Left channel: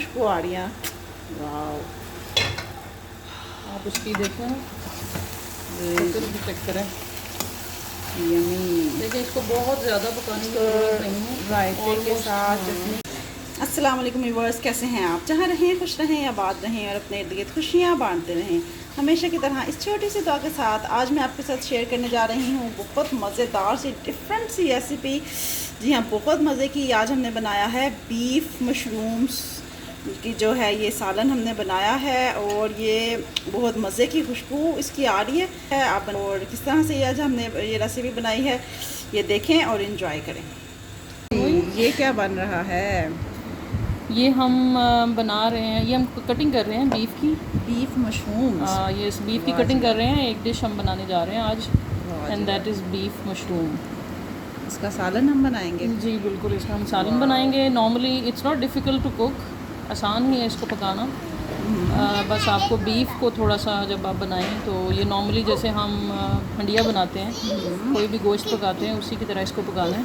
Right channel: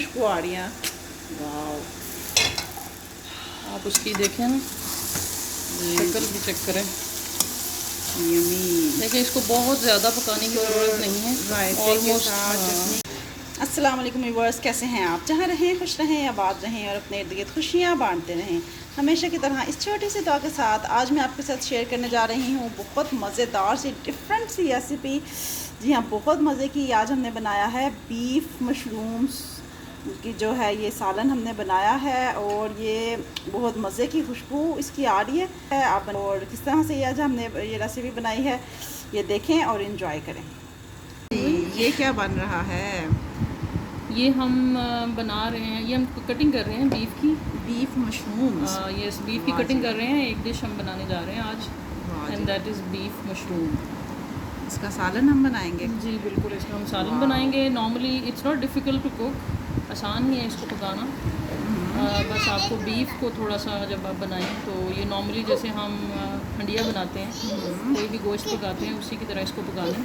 खुशबू आ रही है। वाह, आप उसकी देखें ना, चेक करें। यमी। देखिए इसको बहुत ज़्यादा पकाने की ज़रूरत नहीं है। रायते के साथ चटनी। अस्सलाम वालेकुम व्यूअर्स, कैसे हैं आप? जहाँ रहें खुश रहें, आबाद रहें और अपने इर्द गिर्द खुशियाँ बांटते रहें। हमेशा की तरह इस छोटी सी दुआ के साथ आज मैं आपके साथ शेयर करने जा रही हूँ बहुत मज़ेदार सी डिफरेंट सी रेसिपी। जी हाँ, बहुत मज़े की। आज हमने बनाया है बीफ मशरूम्स की जो है ये सालन हमने बनाया है, और ये बहुत मज़े की खुशबू इसकी आ रही है। आप और किस तरह से आज हमने ये रेसिपी बनाई है ये देखें और इन्जॉय करें। ये क्या बन रहा है? ये हम बना रहे हैं, ये हम कटिंग कर रहे हैं बीफ की, बीफ मशरूम्स। ये इस बीफ की कटिंग कर रहे हैं। एक डिश हम बनाने जा रहे हैं आज, and that is beef mushroom. इसका सालन हम बनाएंगे। जी बिल्कुल, इसका हम सालन बनाएंगे। Normally it's not difficult to cook, आसान ही है इसको पकाना। बस आपको बीफ को थोड़ा सा जब आप बनाएं तो ये नॉर्मली जैसे हम हंडिया बनाते हैं, कोई भी गोश्त पकाते हैं उसी की तरह इसको पकाना है।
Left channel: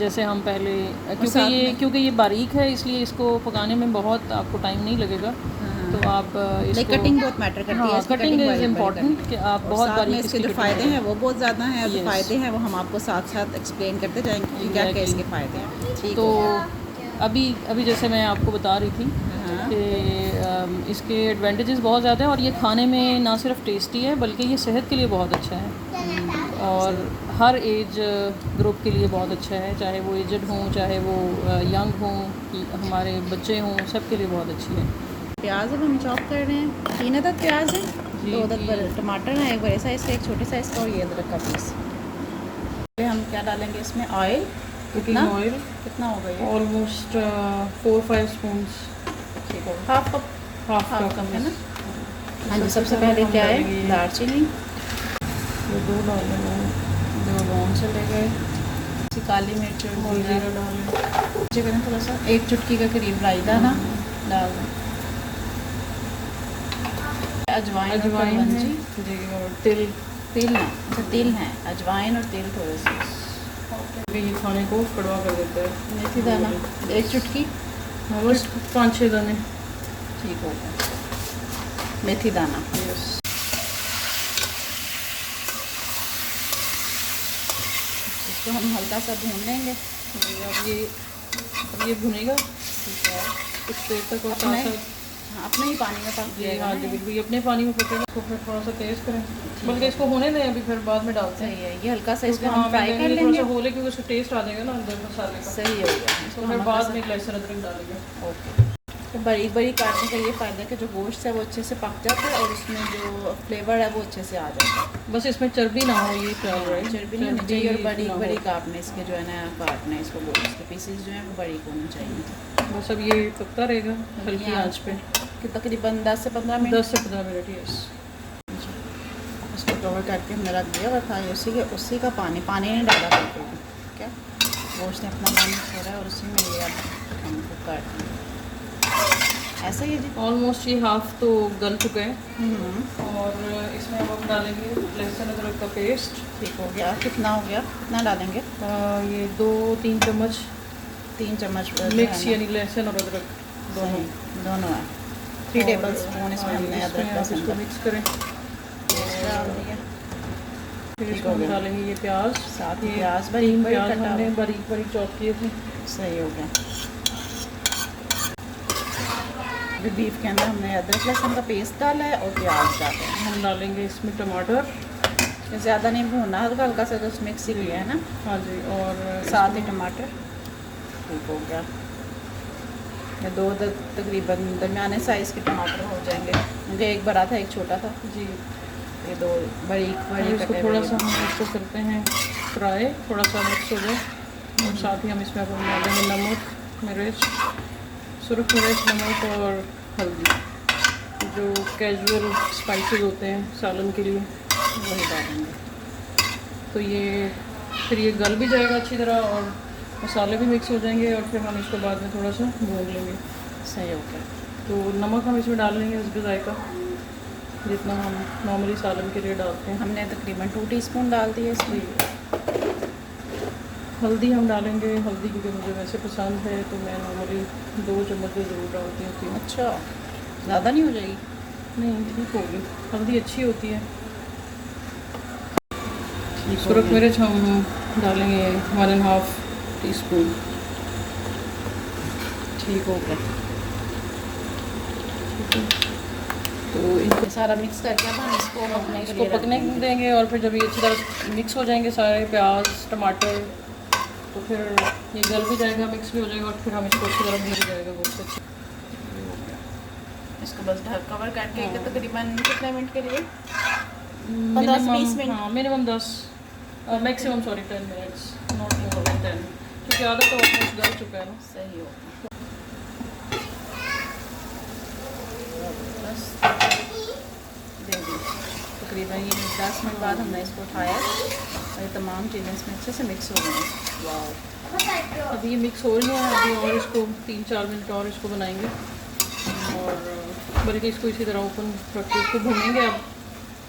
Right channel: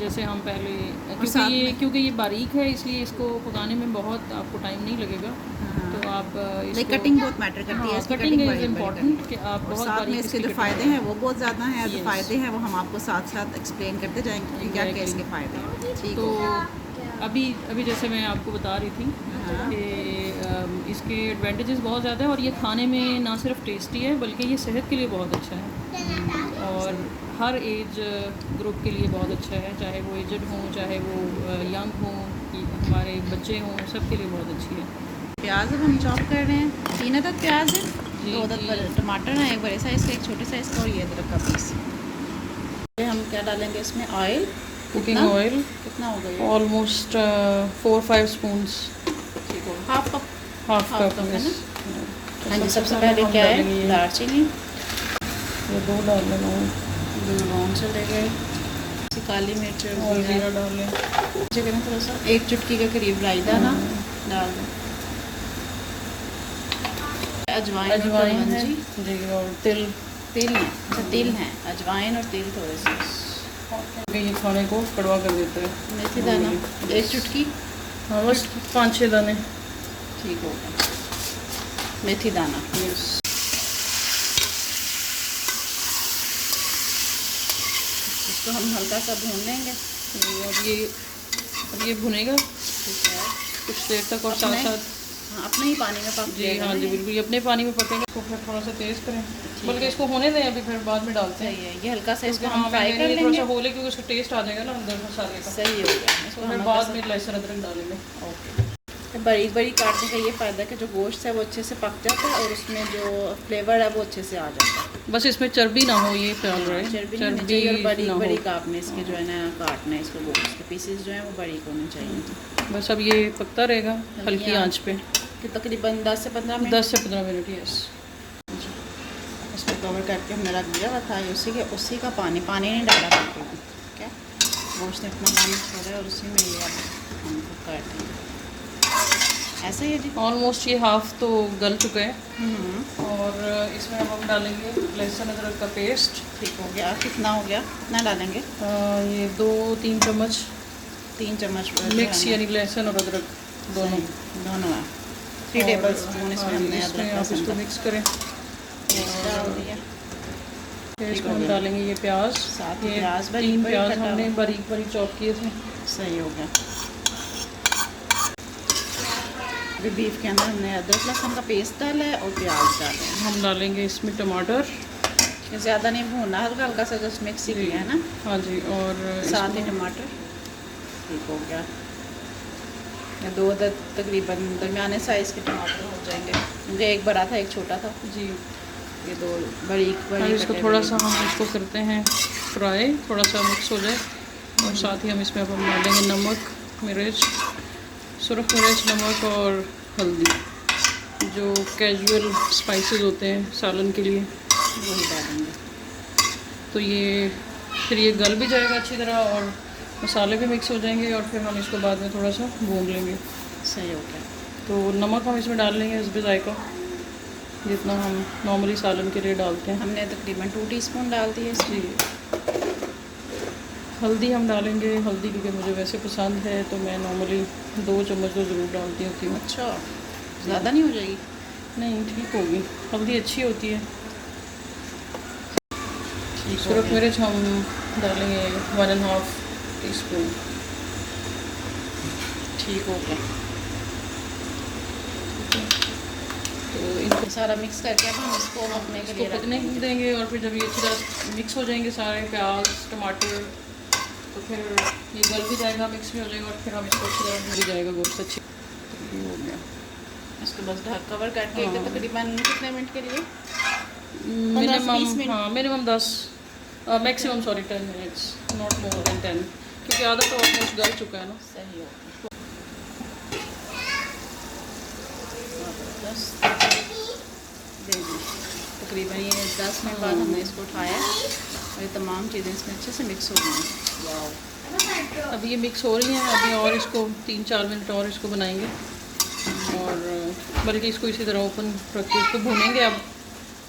जैसे हम पहले क्योंकि ये बारीक है इसलिए इसको पकाने में बहुत आपको टाइम नहीं लगेगा। तो आप इसको कटिंग बहुत मैटर करती है। इसकी कटिंग इज़ इम्पॉर्टेंट कि आप बहुत साथ में इसके जो फ़ायदे हैं वो बहुत ज़्यादा हैं, और जो फ़ायदे हैं वो हम आपको साथ साथ एक्सप्लेन करते जाएंगे कि क्या क्या इसके फ़ायदे हैं। ठीक। तो अभी जैसे मैं आपको बता रही थी कि इसके एडवांटेजेस बहुत ज़्यादा हैं, और ये खाने में ना सिर्फ टेस्टी है बल्कि ये सेहत के लिए बहुत अच्छा है, और हर एज ग्रुप के लिए बहुत अच्छा है, चाहे वो एजड हों, चाहे वो यंग हों, हमारे बच्चे हों, सब के लिए बहुत अच्छी है। प्याज अब हम चॉप कर रहे हैं। 3 अदद प्याज हैं, 2 अदद टमाटर हैं, एक बड़े साइज़ का एक छोटे साइज़ का, और ये अदरक का पीस। हम क्या डालेंगे इसमें? ऑयल। कुकिंग ऑयल कितना होगा ये? Almost 4-5 spoons. ठीक हो, हाफ कप है ना? हाँ जी। सबसे तो पहले क्या है? दालचीनी। ये 2 लौंग चले गए। काली मिर्च और जीरा डालें। करें थोड़ा सा, 1 चुटकी के करीब राई दाना डाल दें। अजवाइन और कलौंजी जी, और तिल है। अच्छा, तिल है, अजवाइन और तिल थोड़े से। ये खाने को कड़वा कर देते हैं। मेथी दाना 1 चुटकी। हाँ, बस 5-6 दाने। ठीक हो गया। मेथी दाना। यस। इसको हम हल्का सा भून लेंगे। अब ये भुनेगा, ठीक है, कुछ देर तक, और साथ साथ अपने ही पानी में पक जाएगा। हाँ जी बिल्कुल, ये अपने पानी में पकेगा। इसको फिर थोड़ा सा तेज़ करें, बल्कि इसको होने दें, अभी फिर बाद में डालते हैं। सही है, ये हल्का सा इसको हम फ्राई कर लेंगे। थोड़ा सा होले क्योंकि उसका टेस्ट आ जाएगा ना अंदर मसाले का। सही हो गया। इसको फिर हम बाद में लहसुन अदरक डालेंगे। ओके। तो बारीक बारीक काटने का ये फ़ायदा है कि जो गोश्त है वो अच्छे से पक जाता है, और उसमें जो फ्लेवर है वो अच्छे से आ जाता है। बस इसमें चर्बी ना हो, ये ख्याल रहे। चर्बी नहीं होनी चाहिए, और बारीक बारीक आपने इसके जो है ना काटना है, इसको गोश्त के पीसेस जो हैं वो बारीक होने चाहिए। बस अब ये पकता रहेगा हल्की आंच पे कि तकरीबन 10 से 15 मिनट। 10 से 15 मिनट। यस। इसको कवर करके हमने रख दिया हुआ था। ये उसी का पानी नहीं डाला बिल्कुल भी। ठीक है, गोश्त ने अपना पानी छोड़ा है, और उसी में ये अब हम कुक कर देंगे। ऐसा ही है जी। ऑलमोस्ट ये हाफ तो गल चुके हैं, और इसमें हम डालेंगे लहसुन अदरक का पेस्ट। ठीक हो गया। कितना हो गया? कितना डालेंगे? ये 2-3 चम्मच। 3 चम्मच मिक्स, यानी लहसुन और अदरक दोनों है। 3 टेबल स्पून इसमें हमने अदरक लहसुन को मिक्स करें, पेस्ट डाल दिया। फिर इसको हम डालेंगे ये प्याज। साथ ही प्याज हमने बारीक बारीक चॉप किए थे। सही हो गया। अभी बीफ के अंदर हमने अदरक लहसुन का पेस्ट डाला है और प्याज डाले हैं। हम डालेंगे इसमें टमाटर। ज़्यादा नहीं भूनना, हल्का हल्का सा जस्ट मिक्स ही किया है ना। हाँ जी, और साथ ही टमाटर। ठीक हो गया। ये 2 तकरीबन दरमियाने साइज़ के टमाटर हो जाएंगे, क्योंकि एक बड़ा था एक छोटा था जी। ये 2 बारीक इसको थोड़ा सा हम इसको करते हैं फ्राई, थोड़ा सा मिक्स हो जाए, और साथ ही हम इसमें अब डालेंगे नमक, मिर्च, सुरख मिर्च, नमक और हल्दी, जो कैजुअल स्पाइसेस होते हैं सालन के लिए, वही डालेंगे। तो ये फिर ये गल भी जाएगा अच्छी तरह, और मसाले भी मिक्स हो जाएंगे, और फिर हम इसको बाद में थोड़ा सा भून लेंगे। सही हो गया। तो नमक हम इसमें डाल लेंगे हस्बे जायका, जितना हम नॉर्मली सालन के लिए डालते हैं। हमने तकरीबन 2 टीस्पून डाल दिए इसमें। हल्दी हम डालेंगे, हल्दी क्योंकि मुझे वैसे पसंद है तो मैं नॉर्मली 2 चम्मच तो ज़रूर डालती होती हूँ। अच्छा, ज़्यादा नहीं हो जाएगी? नहीं, ठीक होगी, हल्दी अच्छी होती है। ठीक हो सूरख गया। मिर्च हम डालेंगे 1.5 टीस्पून। ठीक हो गया। तो इनको सारा मिक्स करके अब हम इसको पकने के इसको लिए रख पकने देंगे। देंगे और फिर जब ये अच्छी तरह मिक्स हो जाएंगे सारे प्याज टमाटर, तो फिर ये गल भी जाएगा, मिक्स भी हो जाएगा और फिर हम इसको अच्छी तरह भून भी जाएगा गोश्त अच्छी। ये हो गया। इसको बस ढक कवर करके हाँ। तकरीबन कितने मिनट के लिए? 15 से 20 मिनट। हाँ minimum 10 maximum 10 minutes, not more than 10, क्योंकि आधा तो ऑलमोस्ट गल चुका है ना। सही हो गया। बस दे दी। तकरीबन ये 10 मिनट बाद हमने इसको उठाया और ये तमाम चीज़ें इसमें अच्छे से मिक्स हो गई। वाह, अभी ये मिक्स हो रही हैं, अभी और इसको 3-4 मिनट और इसको बनाएंगे और बल्कि इसको इसी तरह ओपन रख के इसको भूनेंगे अब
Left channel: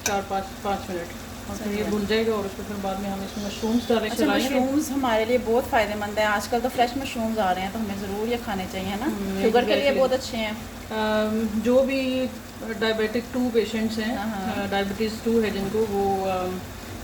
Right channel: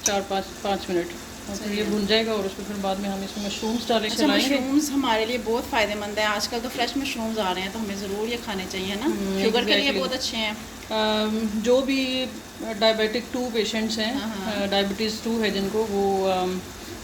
4-5 मिनट और फिर ये भुन जाएगा और उसको फिर बाद में हम इसमें मशरूम्स डालेंगे। अच्छा, मशरूम्स हमारे लिए बहुत फ़ायदेमंद है। आजकल तो फ्रेश मशरूम्स आ रहे हैं तो हमें ज़रूर ये खाने चाहिए ना। शुगर के लिए बहुत अच्छे हैं। जो भी डायबिटिक 2 पेशेंट्स हैं, डायबिटीज़ 2 है जिनको, वो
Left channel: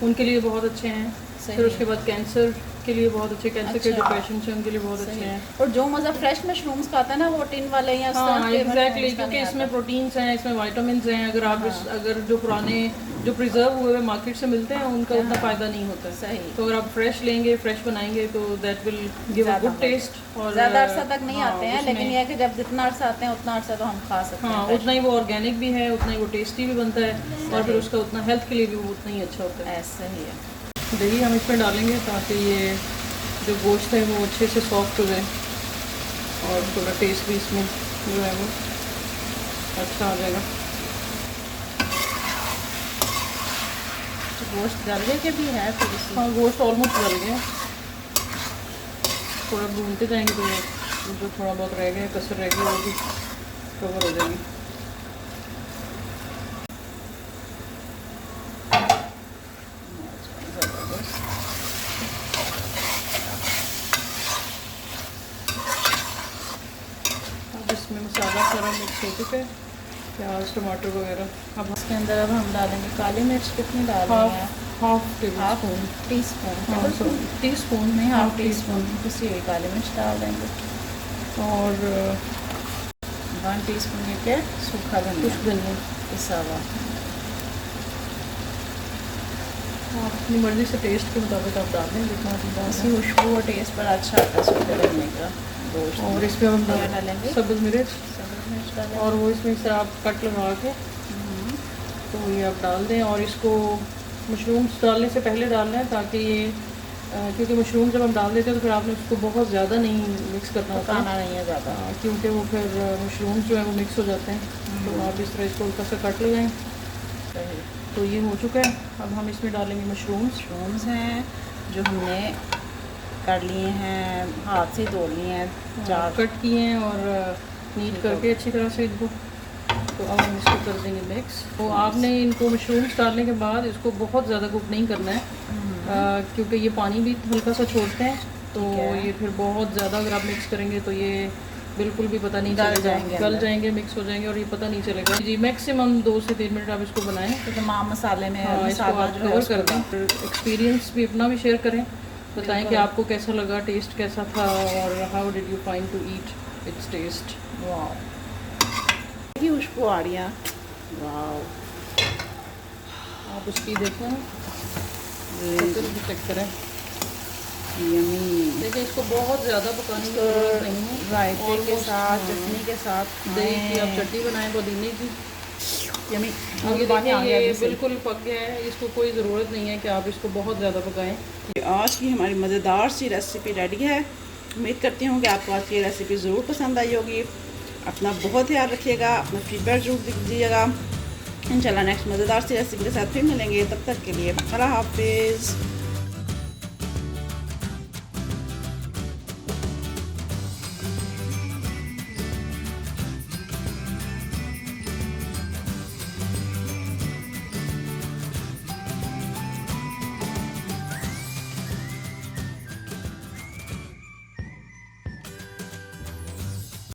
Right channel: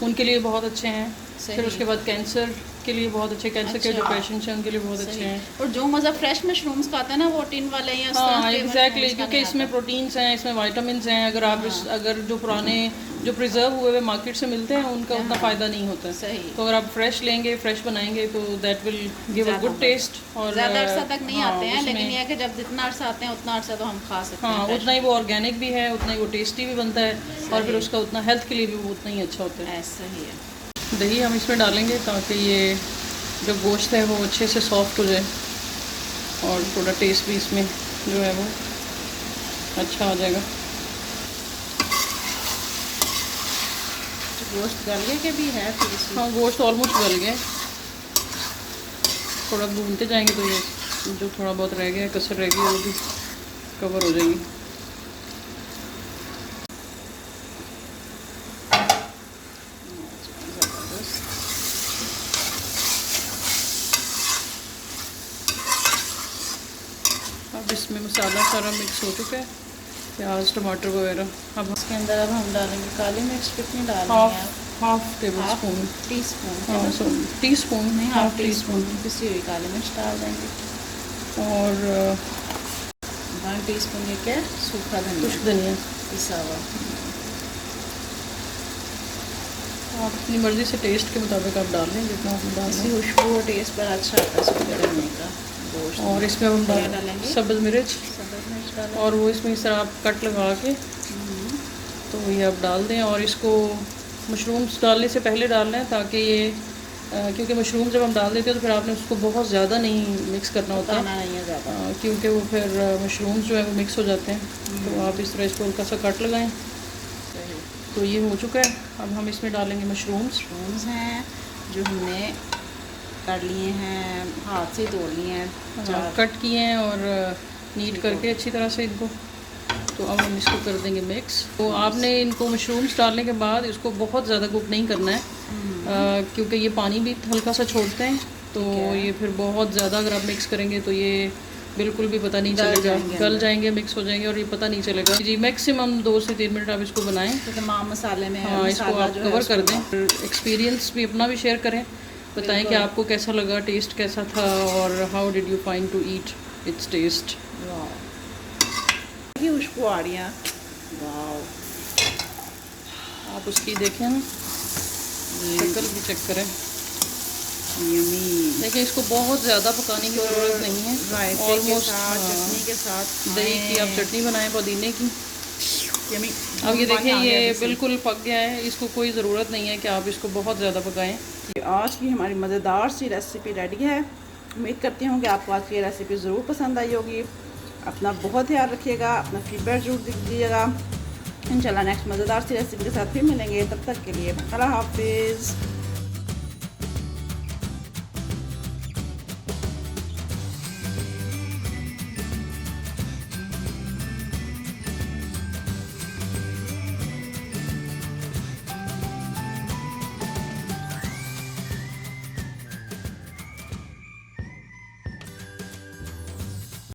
उनके लिए बहुत अच्छे हैं। फिर उसके बाद कैंसर के लिए बहुत अच्छे, कैंसर के जो पेशेंट्स हैं उनके लिए बहुत अच्छे हैं। और जो मज़ा फ्रेश मशरूम्स खाते हैं ना, वो टिन वाले या एग्जैक्टली, क्योंकि इसमें प्रोटीन्स हैं, इसमें विटामिन्स हैं। अगर आप अगर जो पुराने जो प्रिजर्व हुए हुए मार्केट से मिलते हैं उनका उतना फ़ायदा नहीं होता। सही। तो अगर आप फ्रेश लेंगे, फ्रेश बनाएंगे तो that will give a good taste. और ज़्यादा अरसा तक नहीं आते हैं, लेकिन यह है कि जब जितना अरसा आते हैं उतना अरसा तो हम खा सकते हैं। हाँ, उतना ही वो ऑर्गेनिक भी है, उतना ही वो टेस्टी भी बनता है और फिर उसका उतना हेल्थ के लिए भी वो उतना ही अच्छा होता है। ऐसा ही है। दही हम इसमें डालेंगे ताकि ये जो गोश्त है वो अच्छे से सॉफ्ट हो जाए और थोड़ा टेस्ट भी इसमें जो है वो अच्छा आ जाएगा। तो गोश्त गले के भी है फिर इसमें? हाँ, गोश्त ऑलमोस्ट गल गया, थोड़ा भूनते जाएंगे तो ये जो थोड़ा बहुत रह गया कसर रह गई वो भी कवर हो जाएगी। अब इसमें मसाला सारा मिक्स हो चुका है, प्याज टमाटर वगैरह। अब इसके अंदर अब हम डालेंगे काली मिर्च। कितनी डाल रही हैं आप? Half table spoon, teaspoon teaspoon नहीं, हाफ टीस्पून पिसी हुई काली मिर्च डाल देंगे और 1 टीस्पून ये क्या सूखा धनिया पिसा हुआ। अपनी मर्ज़ी से टेस्ट के मुताबिक आप डाल दें जितना आप डाल इसकी खुशबू और टेस्ट बड़ा अच्छा आता है सूखे धनिया का गोश्त। और इसमें हम क्या डालेंगे? सब्ज़ मिर्च डालेंगे और वो इसमें इस तरह आप कट लगा के तो ये आप डाल दें। और इसको मशरूम्स डालने से पहले डालना है ताकि ये क्योंकि मशरूम जब हम डाल देते हैं तो फिर आपने उसको बहुत ज़्यादा नहीं मिक्स करना होता है, नहीं है ज़्यादा, क्योंकि वो फिर मशरूम्स जो है वो मिक्स हो जाते हैं। तो आप इस तरह इसको हल्का सा कट लगाएं। तो ये हो चुका है, अब हम इसमें डालेंगे मशरूम्स हैं जो हमने कर लिए हैं, हाथ से धो लिए हैं, 4 कट किए हैं और नीट करके अच्छी तरह से इनको। तो अब हम इसको कर देंगे मिक्स। तो आपने इनको मशरूम्स डालने के बाद इसको बहुत ज़्यादा कुक नहीं करना है, क्योंकि ये पानी भी हल्का सा छोड़ते हैं। तो ये फिर बहुत ज़्यादा अगर आप मिक्स करेंगे तो ये बिल्कुल भी पता नहीं चलेगा, गल जाएंगे, मिक्स हो जाएंगे और ये पता नहीं चलेगा। जी, मैक्सिमम 2 से 3 मिनट आप इसको बनाएं। तो तमाम मसाले में इसको आप कवर कर दें। एक्सपीरियंस भी अपना भी शेयर करें, बताएं कि आपको कैसा लगा, टेस्ट कैसा था और how did you find to eat its taste. की खुशबू आ रही है। वाओ, आप उसकी देखें ना, चेक करें। यमी। देखिए, इसको बहुत ज़्यादा पकाने की ज़रूरत नहीं है। रायते के साथ, चटनी के साथ, दही की आप चटनी बनाएं पुदीने की। यमी। अब ये देखिए ये बिल्कुल पक गया है, इसको कोई ज़रूरत नहीं है कि आप इसको बहुत ज़्यादा पकाएं। आज की हमारी मज़ेदार सी रेसिपी रेडी है। उम्मीद करती हूँ कि आपको आज की रेसिपी ज़रूर पसंद आई होगी। अपना बहुत ध्यान रखिएगा, अपना फीडबैक ज़रूर दीजिएगा। इंशाल्लाह नेक्स्ट मज़ेदार सी रेसिपी के साथ फिर मिलेंगे। तब तक के लिए अल्लाह हाफिज़।